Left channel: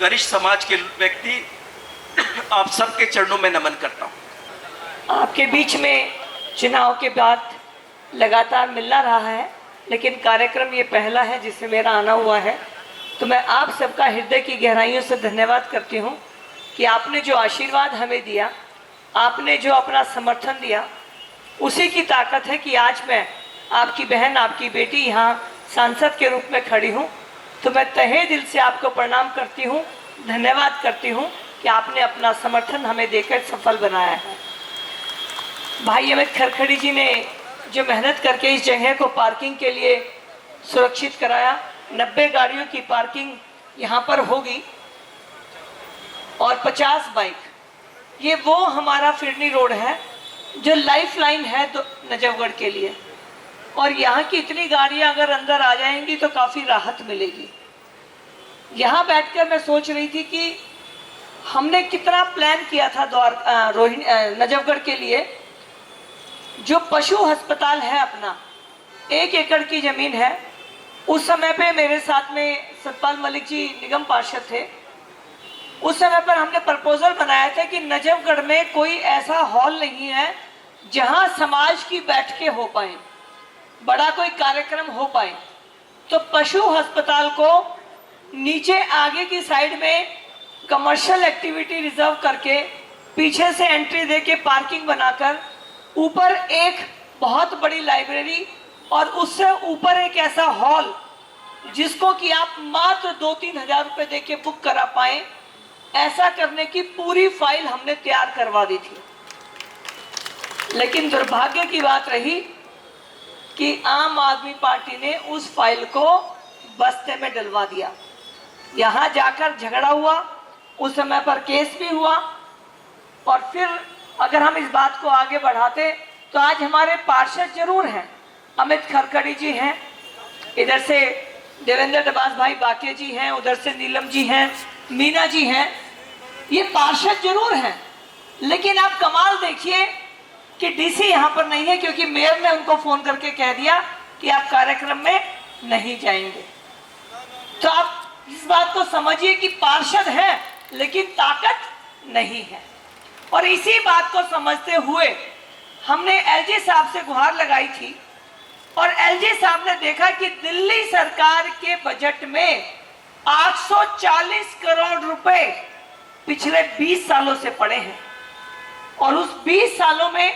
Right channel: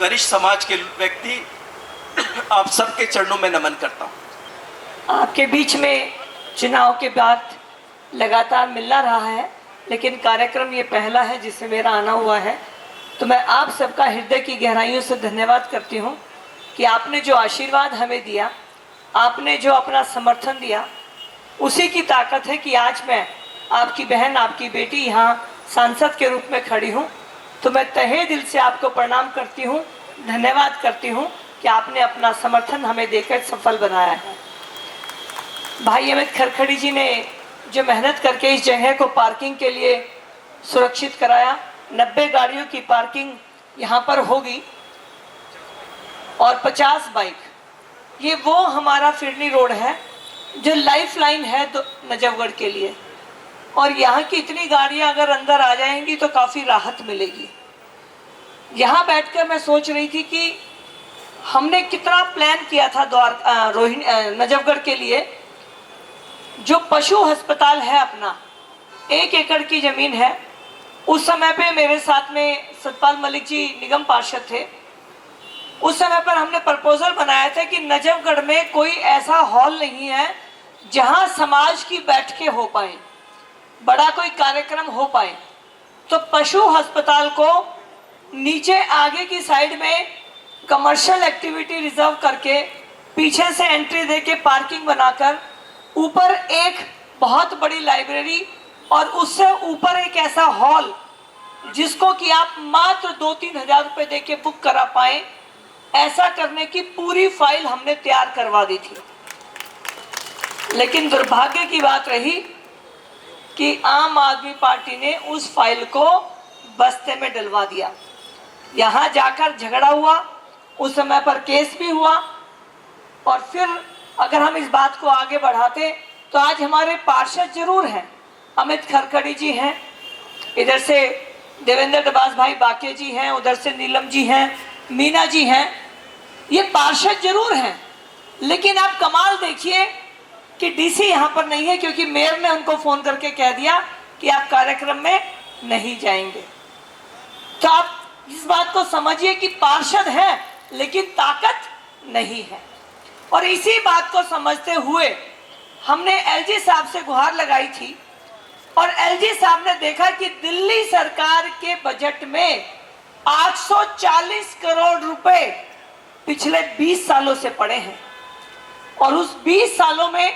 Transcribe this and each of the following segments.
गरिष्ठ समाज के व्यक्ति, आप सबके चरणों में नमन करता हूँ। आपके बीच में चुनाव के बाद लगातार मिलना रहा है, लेकिन कार्यक्रम ये पहला है जिसमें मेरा आना हुआ है। तो मैं आप सबका हृदय की गहराइयों से धन्यवाद करती हूँ कि आपने जो आशीर्वाद हमें दिया, आपने जो अपना समर्थन दिया, उसी की ताकत है कि आज मैं आपकी बहन, आपकी बेटी यहाँ सांसद के रूप में खड़ी हूँ। तो मैं तहे दिल से आपको प्रणाम करती हूँ, धन्यवाद करती हूँ कि आपने अपना समर्थन हमें देकर सफल बनाया है। भाई अमित खरखड़ी जी ने जो मेहनत करके इस जगह को पार्किंग के लिए सुरक्षित कराया, 90 गाड़ियों की पार्किंग यहाँ पर होगी और 50 बाइक, ये वो हमारा फिरनी रोड है जो लाइफ लाइन है नजफगढ़ के लिए। और यहाँ की इतनी गाड़ियाँ अगर अंदर आ जाएंगी तो काफ़ी राहत मिलेगी। यहाँ बैठकर मैं सोच रही थी कि हमने कितना प्लान किया था नजफगढ़ के लिए। जो पशु अस्पताल है अपना, 1 एकड़ की ज़मीन है। उस समय पे मेरे साथ में सतपाल मलिक जी निगम पार्षद थे। उस समय पर हमने प्रपोजल बनाया था कि नजफगढ़ में कोई ऐसा हॉल नहीं है जहां समाज की बैठकें हो पाए, बड़ा कोई कार्यक्रम हो पाए। तो पशु अस्पताल को नीचे आगे की साइड में कमर्शियल एक्टिविटी रिजर्व करके, पीछे से एंट्री देके पार्किंग बनाकर, ऊपर एक बहुत बड़ी लाइब्रेरी और उससे ऊपर एक ऐसा हॉल जिसको कि आप मात्र 2-3 हज़ार रुपये दे के बुक करा पाए, ऐसा करने की पूरी फाइल हमने तैयार करवा दी थी। लेकिन दुर्भाग्य की बात रही कि आम आदमी पार्टी ने उस फाइल को बस्ते में डलवा दिया। यहाँ जाकर झगड़ा हुआ, उस समय पर केस भी हुआ। और फिर अगर हम इस बात को आगे बढ़ाते तो आज हमारे पार्षद जरूर हैं, अमित खरखड़ी जी हैं, इधर से देवेंद्र डबास भाई बाके जी हैं, उधर से नीलम जी हैं, मीना जी हैं, ये पार्षद जरूर हैं। लेकिन आप कमाल देखिए कि डीसी यहाँ पर नहीं है, क्योंकि मेयर ने उनको फोन करके कह दिया कि आप कार्यक्रम में नहीं जाएंगे। तो आप इस बात को समझिए कि पार्षद है लेकिन ताकत नहीं है। और इसी बात को समझते हुए हमने एलजी साहब से गुहार लगाई थी और एलजी साहब ने देखा कि दिल्ली सरकार के बजट में 840 करोड़ रुपए पिछले 20 सालों से पड़े हैं और उस 20 सालों में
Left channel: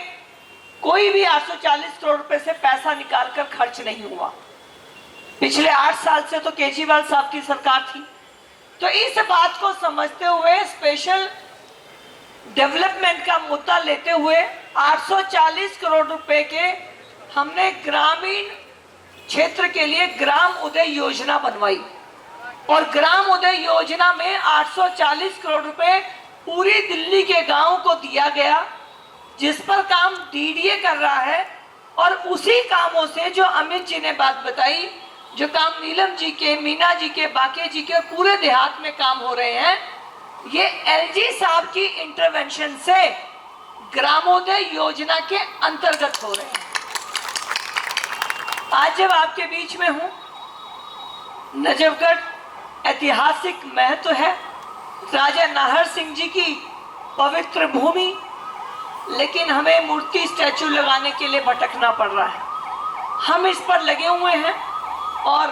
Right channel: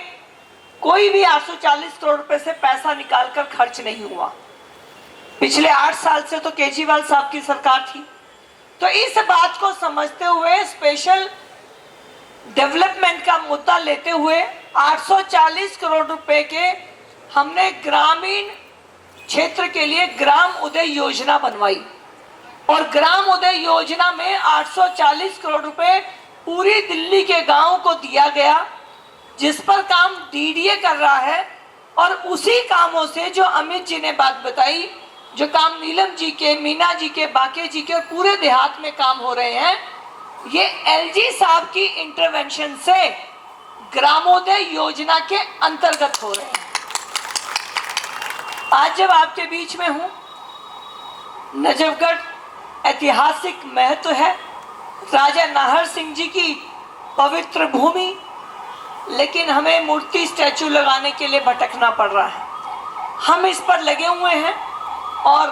कोई भी 840 करोड़ रुपए से पैसा निकालकर खर्च नहीं हुआ। पिछले 8 साल से तो केजरीवाल साहब की सरकार थी। तो इस बात को समझते हुए, स्पेशल डेवलपमेंट का मुद्दा लेते हुए 840 करोड़ रुपए के हमने ग्रामीण क्षेत्र के लिए ग्राम उदय योजना बनवाई और ग्राम उदय योजना में 840 करोड़ रुपए पूरी दिल्ली के गांव को दिया गया, जिस पर काम डीडीए कर रहा है। और उसी कामों से जो अमित जी ने बात बताई, जो काम नीलम जी के, मीना जी के, बाके जी के पूरे देहात में काम हो रहे हैं, ये एलजी साहब की इंटरवेंशन से ग्रामोदय योजना के अंतर्गत हो रहे हैं। आज जब आपके बीच में हूं, नजफगढ़ ऐतिहासिक महत्व है, राजा नाहर सिंह जी की पवित्र भूमि, लेकिन हमें मूर्ति स्टैचू लगाने के लिए भटकना पड़ रहा है। हम इस पर लगे हुए हैं और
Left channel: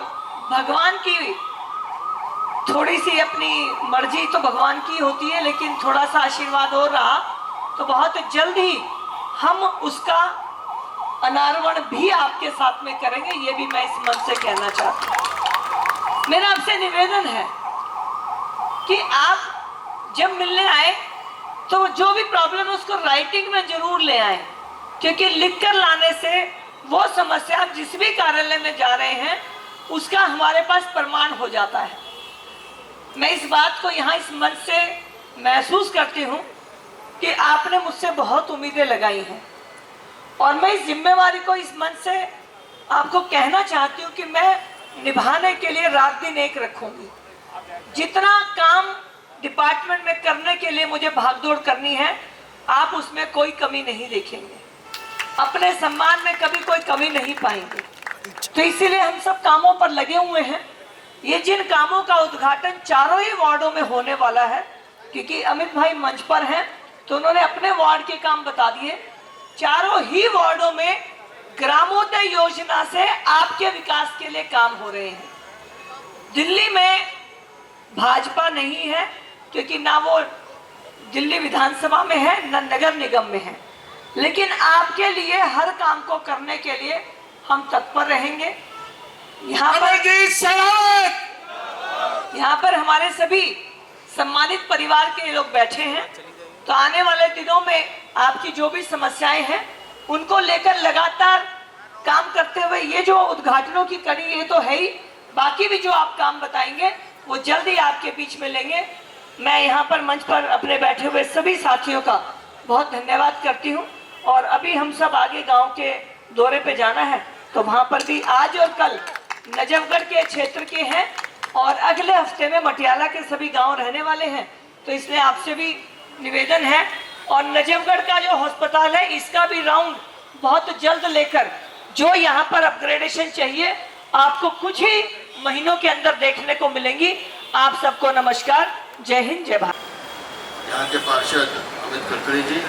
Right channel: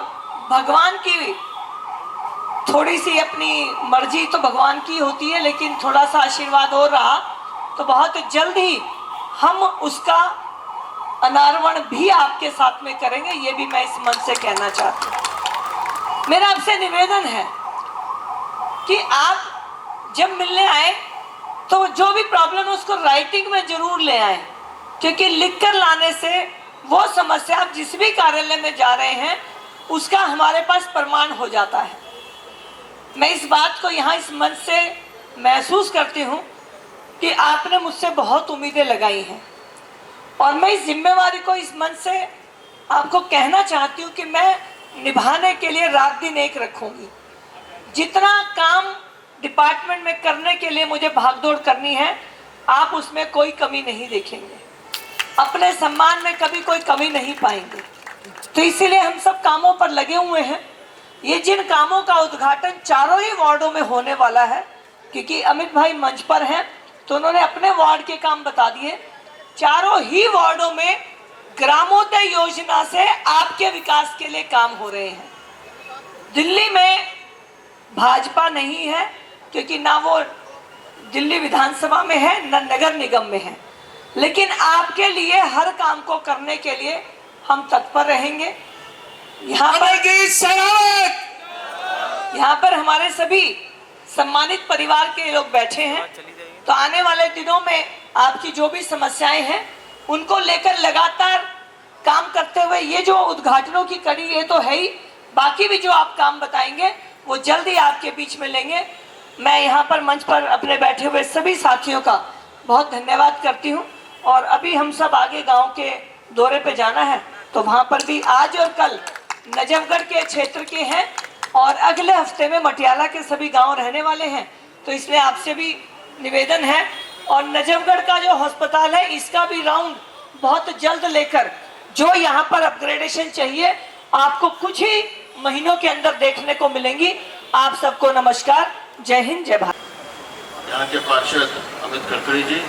भगवान की थोड़ी सी अपनी मर्जी तो भगवान की होती है, लेकिन थोड़ा सा आशीर्वाद हो रहा तो बहुत जल्द ही हम उसका अनावरण भी आपके साथ में करेंगे। ये भी मैं इस मन से कहना चाहती हूँ। मेरा आपसे निवेदन है कि आप जब मिलने आए तो जो भी प्रॉब्लम है उसको राइटिंग में जरूर ले आए, क्योंकि लिखकर लाने से वो समस्या, आप जिस भी कार्यालय में जा रहे हैं उसका हमारे पास प्रमाण हो जाता है। मैं इस बात को यहाँ इस मन से महसूस करती हूँ कि आपने मुझसे बहुत उम्मीदें लगाई हैं और मैं इस जिम्मेवारी को इस मन से आपको कहना चाहती हूँ कि मैं निभाने के लिए रात दिन एक रखूँगी। जितना काम डिपार्टमेंट में करने के लिए मुझे भागदौड़ करनी है, आप उसमें कोई कमी नहीं देखेंगे, अपने सम्मान में कभी कोई कमी नहीं पाएंगे। तो इसीलिए हम सब कामों पर लगे हुए हैं। ये जिन कामों का उद्घाटन चारों ही वार्डों में होने वाला है, क्योंकि अमित भाई मंच पर हैं तो उन्होंने अपने वार्ड के काम बता दिए। चारों ही वार्डों में ग्रामोदय योजना से आपके विकास के लिए काम हो रहे हैं। दिल्ली में भाजपा नहीं है, क्योंकि ना वो दिल्ली विधानसभा में है न नगर निगम में है, लेकिन आपके लिए हर काम को करने के लिए हम तत्पर रहेंगे। यहाँ पर हमारे सभी सम्मानित परिवार के लोग बैठे हैं, तो आने वाले दिनों में आपकी जो भी समस्याएं हैं उनको लेकर लगातार काम करते हुए, ये जो उद्घाटनों की कड़ी ये तो है ही, बाकी भी जो आप काम बताएंगे वो जल्द ही आपके बीच में लेंगे। मैं यहाँ पर मंच पर अपने बैठे हुए सभी साथियों का बहुत धन्यवाद करती हूँ। और अभी हम सब आगे गांव के दौरे पे जाना है, तो वहाँ पर भी आज और कल नजफगढ़ के क्षेत्र के हैं और अगले हफ्ते में मटियाला के सभी गांव रहने वाले हैं, तो इसलिए आपसे भी निवेदन है। और नजफगढ़ का जो अस्पताल है इसका भी राउंड बहुत जल्द लेकर, जो यहाँ पर अपग्रेडेशन चाहिए आपको कुछ ही महीनों के अंदर देखने को मिलेंगी। आप सबको नमस्कार, जय हिंद, जय भारत। यहाँ के पार्षद अमित खड़खड़ी जी,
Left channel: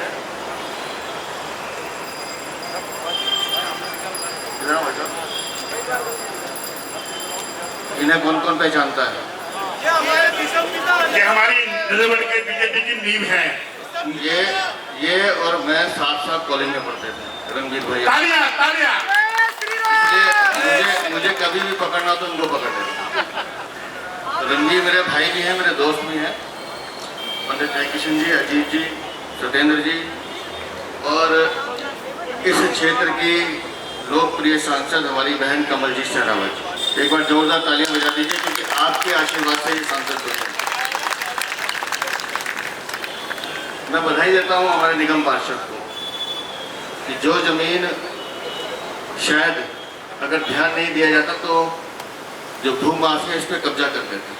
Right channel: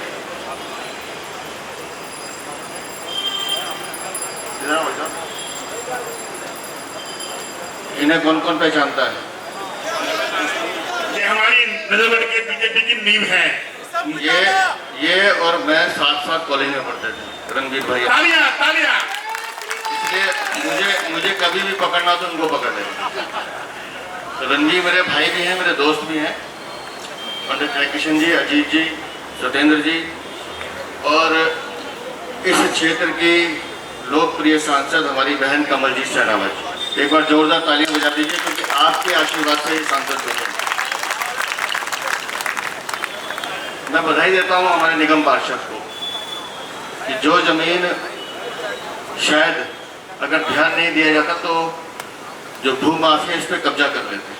इन्हें कौन कौन पहचानता है? ये हमारी नजफगढ़ के बीजेपी की नींव है। ये और मैं साथ साथ कॉलेज में पढ़ते थे, रणवीर भाई। तालियां तालियां। इसलिए मुझे कभी भी पकड़ना हो तो उनको पकड़ लेना। तो रणवीर मेरे भाई भी हैं, मेरे दोस्त भी हैं, पंडित जयकिशन जी, अजीत जी, सत्येंद्र जी, और इस क्षेत्र की लोकप्रिय सांसद हमारी बहन कमलजीत शेरावत। एक बार जोरदार तालियां बजा दीजिए, क्योंकि आपके आशीर्वाद से ये सांसद बने। मैं बधाई देता हूं हमारे निगम पार्षद को कि जो जमीन शायद अगर ध्यान नहीं दिया जाता तो जो भूमाफिया इस पर कब्जा कर लेते,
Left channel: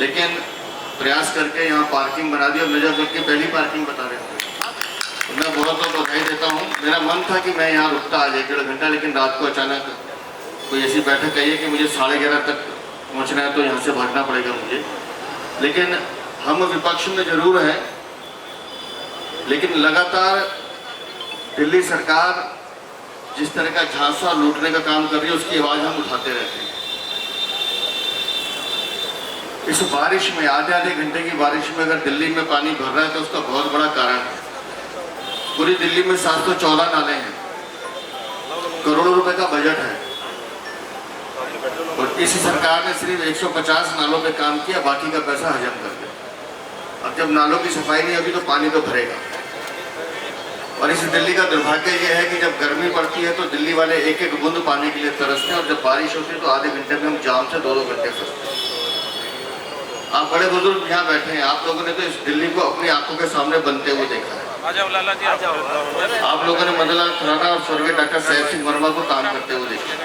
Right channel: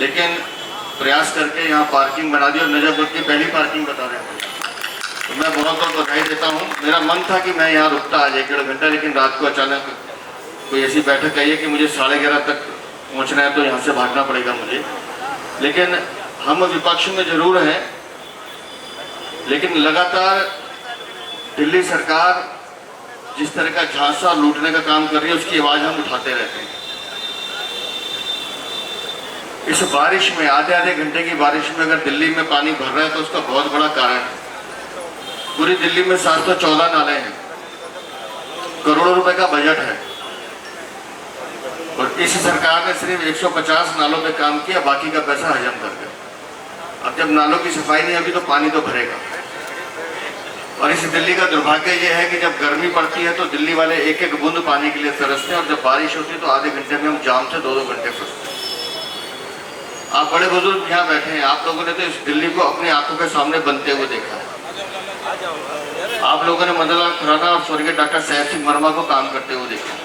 लेकिन प्रयास करके यहाँ पार्किंग बना दी और नजफगढ़ की पहली पार्किंग बता रहे हैं। तो मैं बहुत बहुत बधाई देता हूँ। मेरा मन था कि मैं यहाँ रुकता आज 1-1.5 घंटा, लेकिन रात को अचानक कोई ऐसी बैठक आई है कि मुझे 11:30 तक पहुँचना है, तो यहाँ से भागना पड़ेगा मुझे। लेकिन हम विपक्ष में जरूर हैं, लेकिन लगातार दिल्ली सरकार जिस तरह का झांसा लूटने का काम कर रही है उसकी आवाज हम उठाते रहते हैं। इस बारिश में, आधे घंटे की बारिश में अगर दिल्ली में पानी भर रहा है तो उसका बहुत बड़ा कारण है। पूरी दिल्ली में 714 नाले हैं, करोड़ों रुपए का बजट है, और इस सरकार ने सिर्फ 150 नालों पे काम किया, बाकी का पैसा हजम कर दिया। अब जब नालों की सफाई नहीं होगी तो पानी तो भरेगा। और इस दिल्ली का दुर्भाग्य यह है कि जब गर्मी पड़ती है तो दिल्ली वाले एक एक बूंद पानी के लिए तरसते हैं, और जब बारिश होती है तो आधे घंटे में हम जाम से 2-2 घंटे फंसते हैं। आप बड़े बुजुर्ग यहाँ बैठे हैं, आप लोगों ने तो इस दिल्ली को अपनी आंखों के सामने बनते हुए देखा है। आप लोगों ने मदनलाल खुराना और स्वर्गीय डॉक्टर साहेब सिंह वर्मा को काम करते हुए देखा है।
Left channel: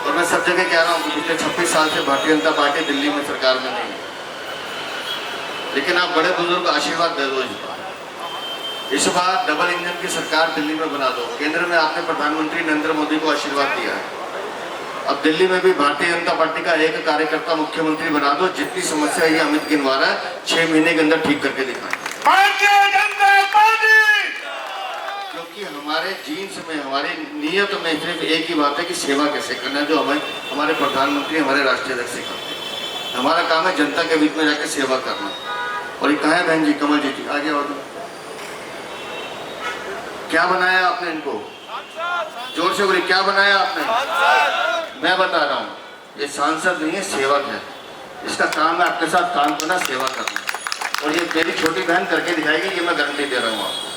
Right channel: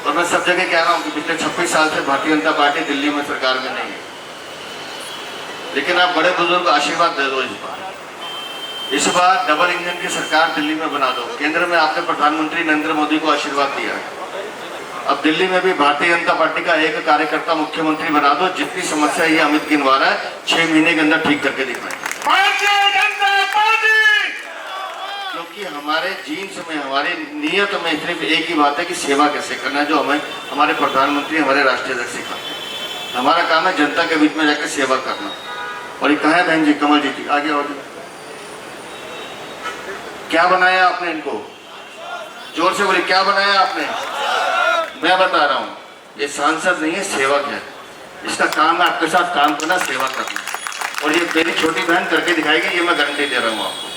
और मैं सब जगह कह रहा हूँ कि पिछले 26 साल से भारतीय जनता पार्टी दिल्ली में सरकार में नहीं है, लेकिन आप बड़े बुजुर्ग आशीर्वाद दे दो। इस बार डबल इंजन की सरकार दिल्ली में बना दो। केंद्र में आपने प्रधानमंत्री नरेंद्र मोदी को आशीर्वाद दिया है, अब दिल्ली में भी भारतीय जनता पार्टी का एक कार्यकर्ता मुख्यमंत्री बना दो। जितनी समस्या ये अमित गिनवा रहा है 6 महीने के अंदर ठीक करके दिखाएंगे। क्योंकि हमारे जीन्स में, हमारी नीयत में सिर्फ एक ही बात है कि सेवा कैसे करना है, जो हमें हमारे प्रधानमंत्री, हमारे राष्ट्रीय अध्यक्ष सिखाते हैं। हमारा काम है जनता के बीच में जाकर सेवा करना। और ये कहाँ है बहन जी, कमल जी थी आगे और क्या बनाया आपने इनको? जोर से बोलिए, क्या बनाया आपने? मैं बता रहा हूँ, ये सांसद नहीं है, सेवक है। इसका काम है आपके साथ काम करना, सेवा करना, और ये मेरी छोटी बहन करके दिखाएगी, ये मैं गारंटी दे रहा हूँ आपको।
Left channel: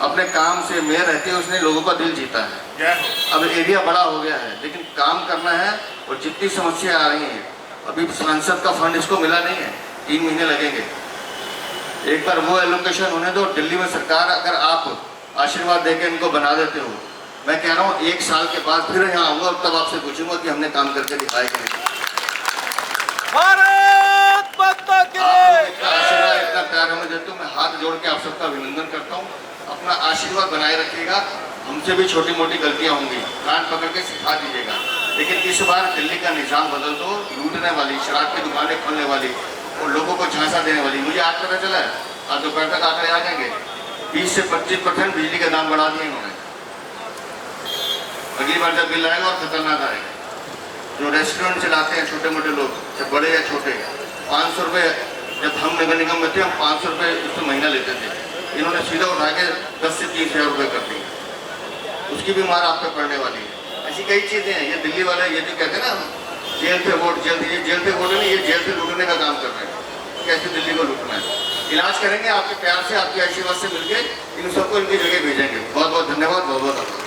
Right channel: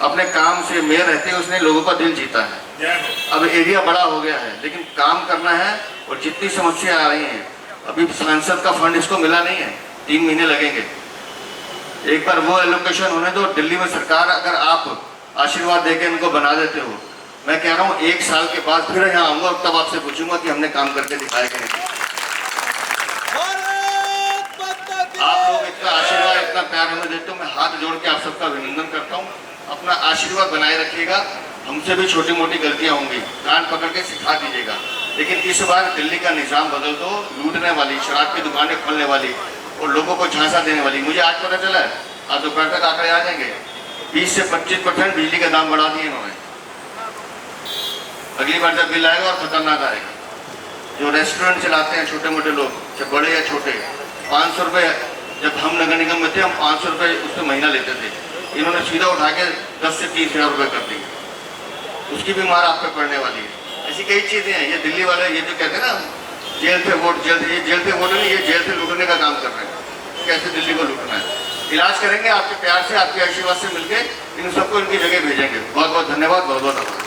अपने काम से मेयर रहते हैं, उसने लोगों का दिल जीता है। अब एरिया बड़ा हो गया है, लेकिन काम करना है। और जितनी समस्या आ रही हैं, अभी सांसद का फंड इसको मिला नहीं है, 3 महीने लगेंगे। एक बार वो एलोकेशन होने दो। दिल्ली में सरकार अगर आप आशीर्वाद देके इनको बना देते हो, मैं कह रहा हूँ 1 साल के बाद फिर यहाँ आऊंगा और तब आपसे पूछूंगा कि हमने काम करके दिखाया कि नहीं। आप इतना आशीर्वाद, इतना प्यार हमें देते हो, मैं हाथ जोड़ के आप सबका अभिनंदन करता हूँ। अपना आशीर्वाद बनाए रखिएगा। हमसे भी छोटी मोटी गलतियां होंगी, कान पकड़ के सिखा दीजिएगा। लेकिन इस बार दिल्ली का निजाम बदल दो। लूटने वाली, शराब की दुकानें खोलने वाली और लोगों को झांसा देने वाली, मुझे आज पता चला है, आज दोपहर तक आंकड़े आ जाएंगे, 20 से 25% बिजली के दाम बढ़ा दिए इन्होंने। अगली बार जब बिल आएगा और खतरनाक आएगा। जो रेस्टोरेंट चलाते हैं छोटे मोटे लोग, चाहे बड़े या छोटे, 500 रुपये, जब हम नगर निगम में थे हम 500 रुपये उससे महीना लेते थे, इन्होंने सीधा उठा के 10 से 30,000 रुपये कर दिए। उसकी भी मार आप पे पड़ने वाली है। ऐसी कई चीज़ें हैं। ये दिल्ली वाले ये जो कहते हैं ना, जेल से वोट, ये जेल से वोट नहीं, ये जेल से लूटने का काम कर रहे हैं। कैसे दिल्ली को लूटना है, इलाज करेंगे आपके प्यार से, आपके आशीर्वाद से मिलके इन सबको इनकी जगह भेजेंगे। बहुत बहुत धन्यवाद, बहुत बहुत आभार।